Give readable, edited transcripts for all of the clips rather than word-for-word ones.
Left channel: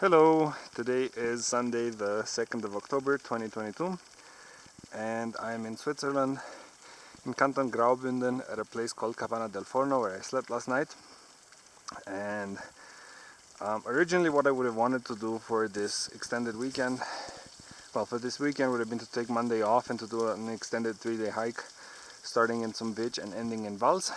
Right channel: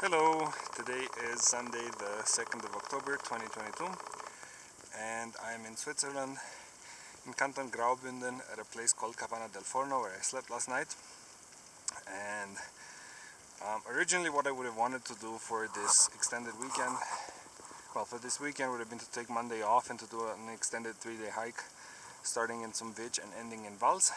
Hello, today is Sunday the 2nd of October 2022 and I'm in Switzerland in Canton Graubünden at a place called Capanna del Forno where I slept last night. And originally what I would have wanted to do for this extended weekend, for this weekend would have been to take Monday off and to do an extended 3-day hike starting in Zumwich and ending in Vals.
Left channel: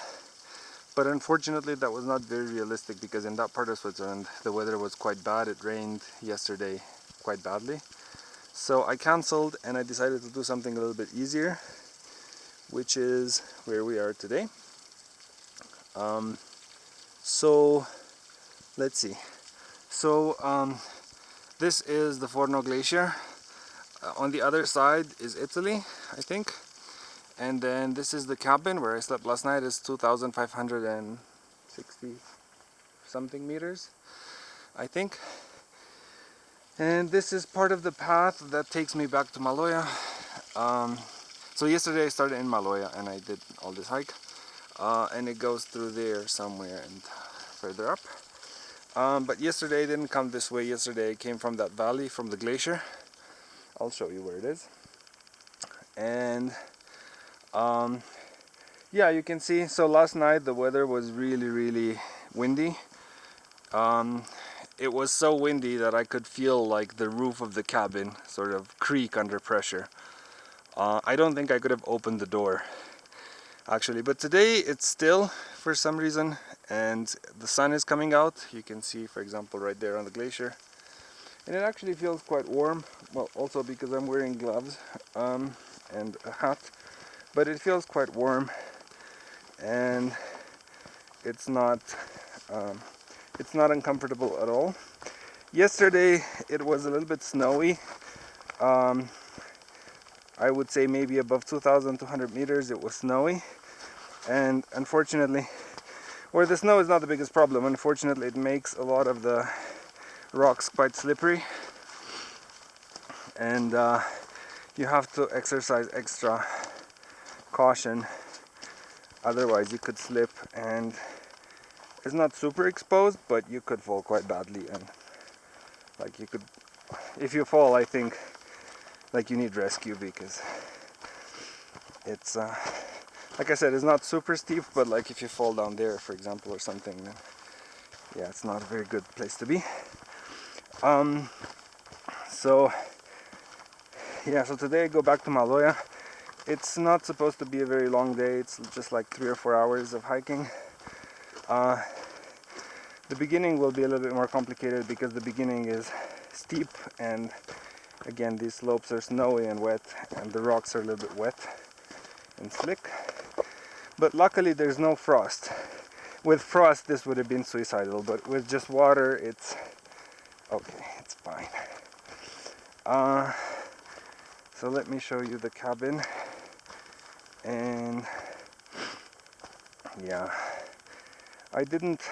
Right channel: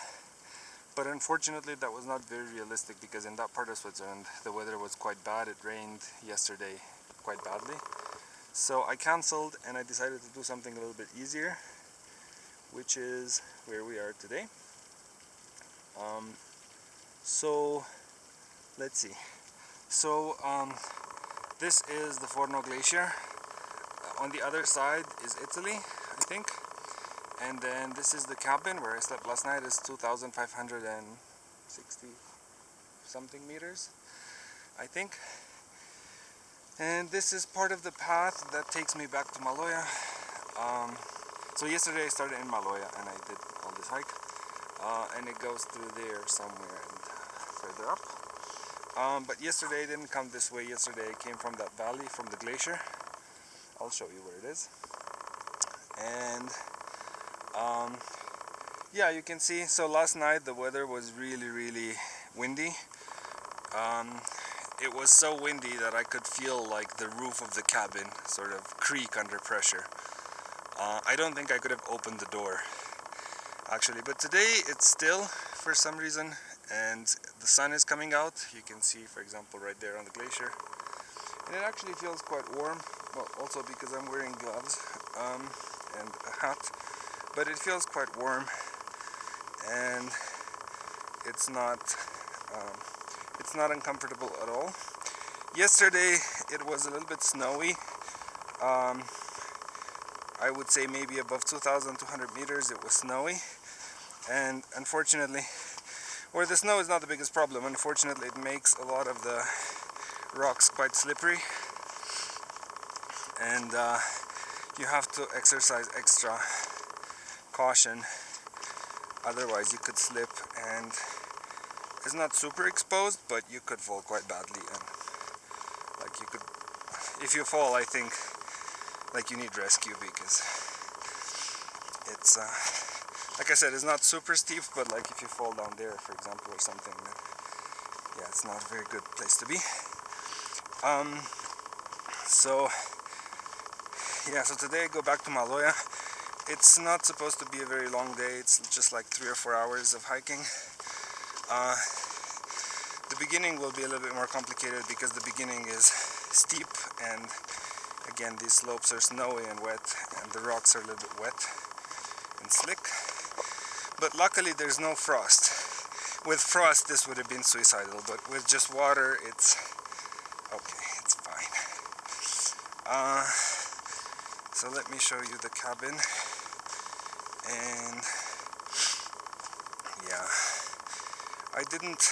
But unfortunately that was not very realistic because in that part of Switzerland the weather was quite bad. It rained yesterday quite badly. So I cancelled and I decided to do something a little bit easier, which is where we are today. So let's see. This is the Forno glacier. On the other side is Italy, I think. And then this is the cabin where I slept last night. It's 2,560 something meters, I think. And this is part of the path that takes me back to Maloja. So yesterday I started in Maloja and I did all this hike. And it goes through there somewhere and further up. But yesterday I didn't come this way. Yesterday I came from that valley, from the glacier. I'll show you where it is. And yeah, you can see, so last night the weather was really windy. It was so windy that I could feel like the roof of the cabin sort of creak under pressure. I don't think I could have opened the door actually, but today it's still for some reason and the sun is coming out. You can see, for example, right there on the glacier, and it actually feels quite warm. Well, also because I'm wearing gloves and a hat, but it feels quite warm and it's not uncomfortable at all. Yesterday it was a little bit snowy. I would say maybe above 2,200 meters it was snowy, and unfortunately, where the snow is not the biggest problem, unfortunately it makes a lot of the rocks quite slippery, and you have to exercise extra caution, otherwise you could slip, and it's not super exposed, but you could fall quite badly, and like you could, if you fall, I think like you need rescue, because it's like I said, it's not super steep, but like if you fall down there, for example, or something, then yeah, it's not a very good place to be. So today I go back to Maloja. It's not supposed to be a very long day. It's just like 3 or 4 hours of hiking. The beginning will be a little bit more complicated because the beginning is steep, and again these slopes are snowy and wet, and the rocks are a little bit wet and slick. But luckily there's no frost. With frost this would have been suicidal, but with just water it's okay, it's fine. So let me show you the cabin. And yeah, I didn't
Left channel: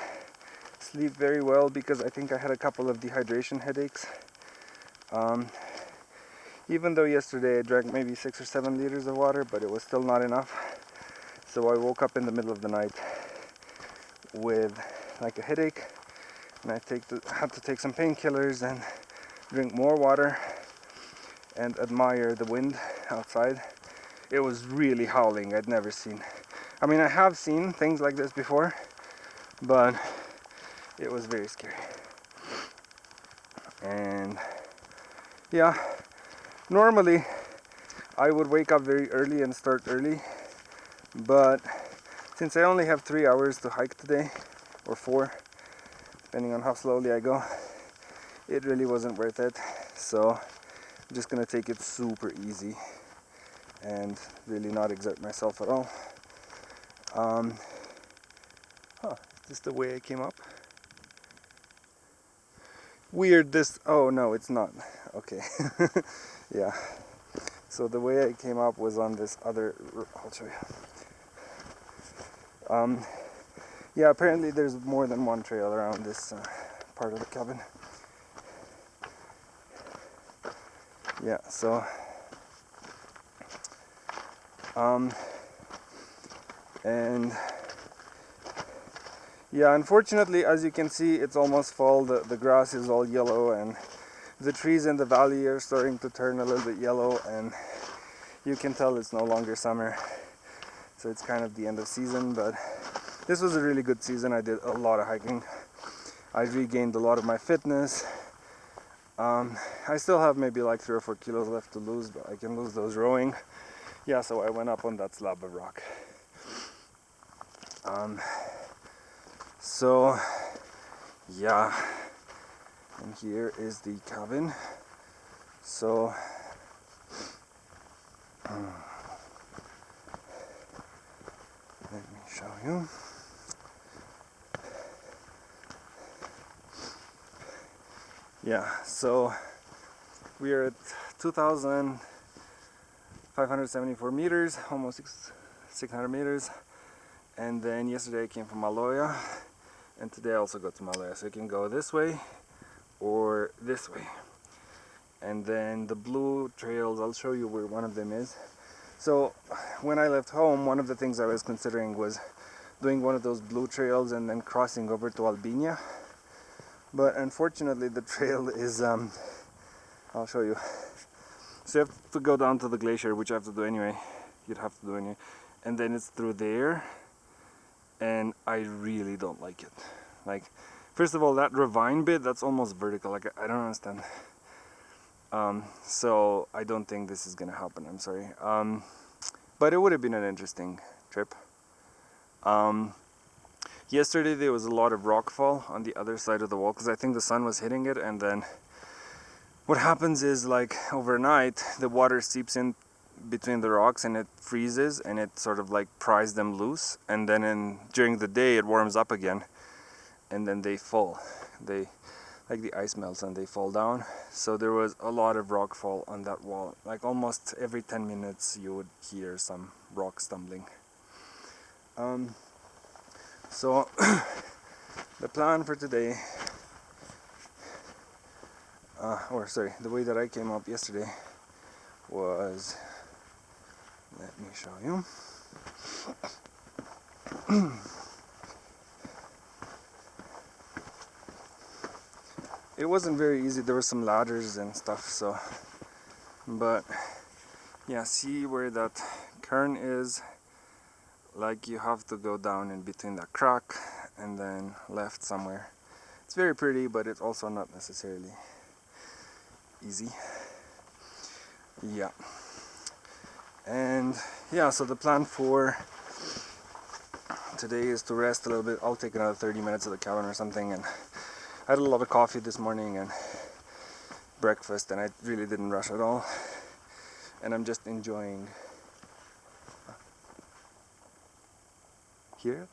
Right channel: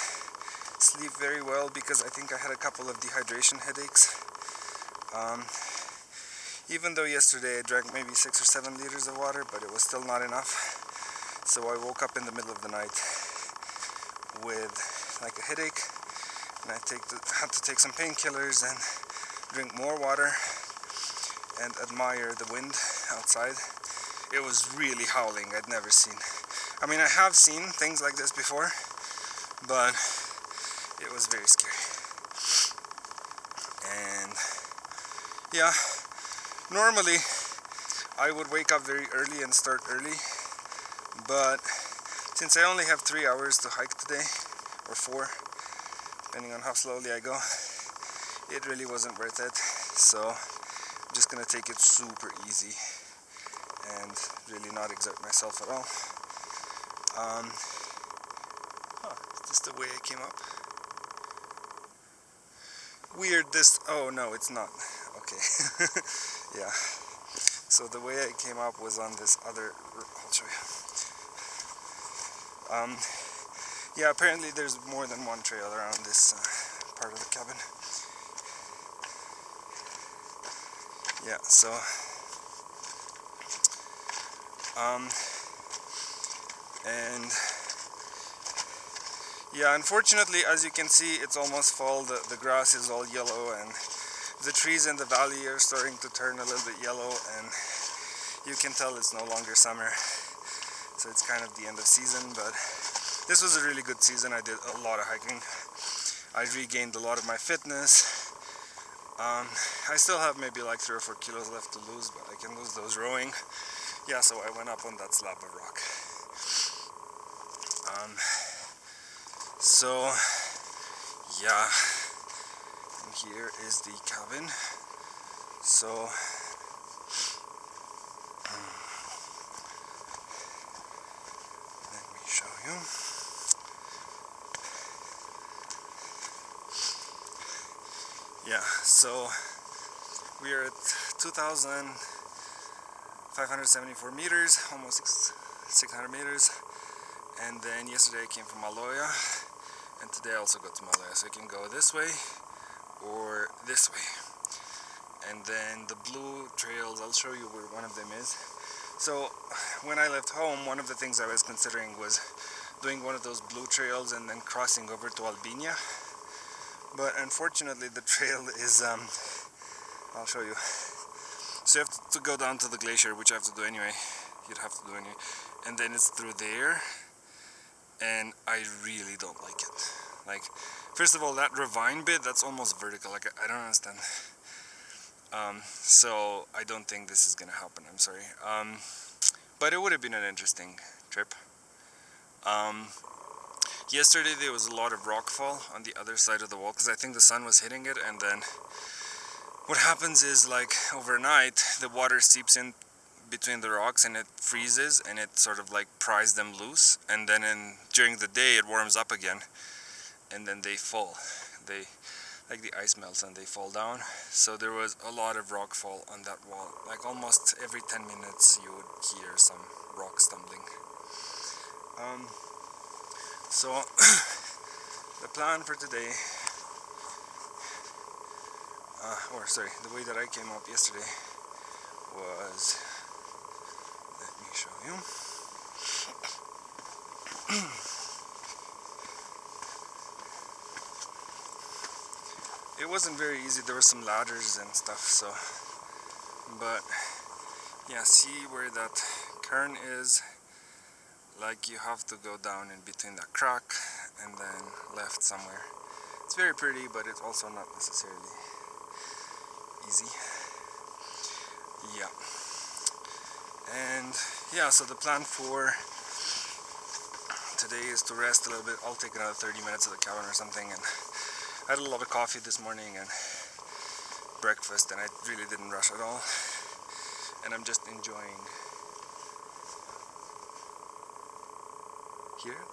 sleep very well because I think I had a couple of dehydration headaches. Even though yesterday I drank maybe 6 or 7 liters of water, but it was still not enough. So I woke up in the middle of the night with like a headache, and I had to take some painkillers and drink more water and admire the wind outside. It was really howling. I'd never seen. I mean, I have seen things like this before, but it was very scary. And yeah, normally I would wake up very early and start early, but since I only have 3 hours to hike today, or 4, depending on how slowly I go, it really wasn't worth it. So I'm just gonna take it super easy and really not exert myself at all. Is this the way I came up? Weird, this, oh no, it's not. Okay. Yeah. So the way I came up was on this other, I'll show you. Yeah, apparently there's more than one trail around this part of the cabin. Yeah, so and Yeah, unfortunately, as you can see, it's almost fall. The grass is all yellow, and the trees in the valley are starting to turn a little bit yellow, and you can tell it's no longer summer. So it's kind of the end of season, but this was a really good season. I did a lot of hiking. I regained a lot of my fitness. I still have maybe like 3 or 4 kilos left to lose, but I can lose those rowing. Yeah, so I went up on that slab of rock. So yeah, and here is the cabin. So let me show you. Yeah, so we are at 2,574 meters, almost 600 meters. And then yesterday I came from Maloya, and today I also go to Maloya. So you can go this way or this way. And then the blue trails, I'll show you where one of them is. So when I left home, one of the things I was considering was doing one of those blue trails and then crossing over to Albania. But unfortunately the trail is, I'll show you. So you have to go down to the glacier, which I have to do anyway. You'd have to do anyway. And then it's through there. And I really don't like it. Like, first of all, that ravine bit, that's almost vertical. Like, I don't understand. So I don't think this is gonna happen, I'm sorry. But it would have been an interesting trip. Yesterday there was a lot of rockfall on the other side of the wall, because I think the sun was hitting it, and then what happens is, like, overnight the water seeps in between the rocks and it freezes, and it sort of like pries them loose, and then during the day it warms up again, and then they fall. Like the ice melts and they fall down. So there was a lot of rock fall on that wall. Like almost every 10 minutes you would hear some rock stumbling. So the plan for today, the way that I came up yesterday was, let me show you. It wasn't very easy. There were some ladders and stuff, so, but yeah, see where that cairn is? Like, you have to go down in between that crack and then left somewhere. It's very pretty, but it's also not necessarily easy. Yeah. And yeah, so the plan for today is to rest a little bit. I'll take another 30 minutes at the cabin or something, and I had a lot of coffee this morning and breakfast, and I really didn't rush at all, and I'm just enjoying here.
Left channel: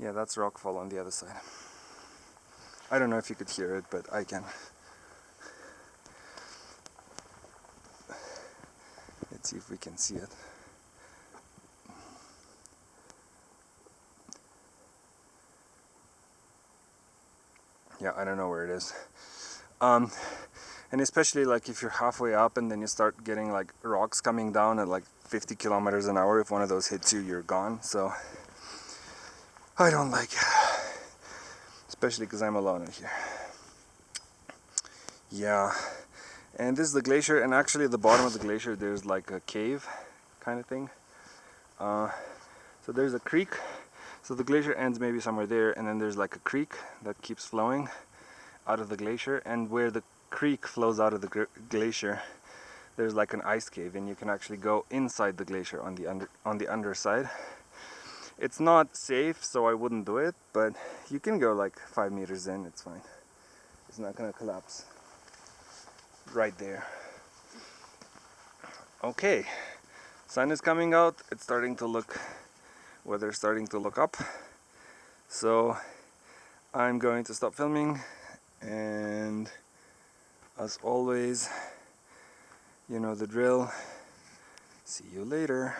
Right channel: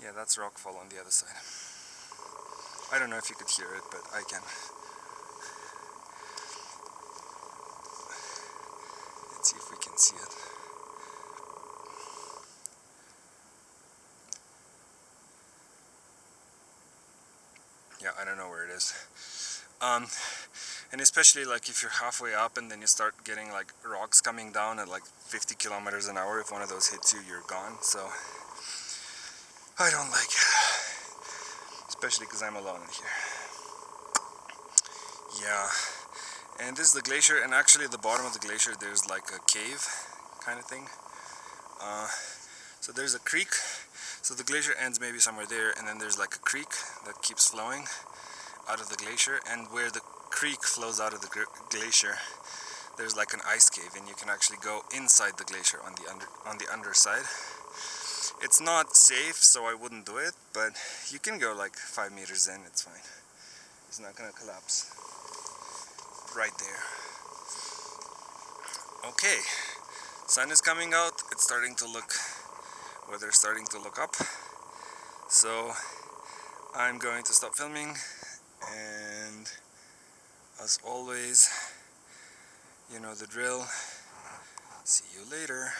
Yeah, that's rockfall on the other side. I don't know if you could hear it, but I can. Let's see if we can see it. Yeah, I don't know where it is. And especially like if you're halfway up and then you start getting like rocks coming down at like 50 kilometers an hour, if one of those hits you, you're gone. So I don't like it, especially because I'm alone in here. Yeah, and this is the glacier, and actually at the bottom of the glacier there's like a cave kind of thing. So there's a creek. So the glacier ends maybe somewhere there, and then there's like a creek that keeps flowing out of the glacier, and where the creek flows out of the glacier there's like an ice cave, and you can actually go inside the glacier on the underside. It's not safe, so I wouldn't do it, but you can go like 5 meters in, it's fine. It's not gonna collapse right there. Okay, sun is coming out, it's starting to look, weather's starting to look up, so I'm going to stop filming, and as always, you know the drill. See you later.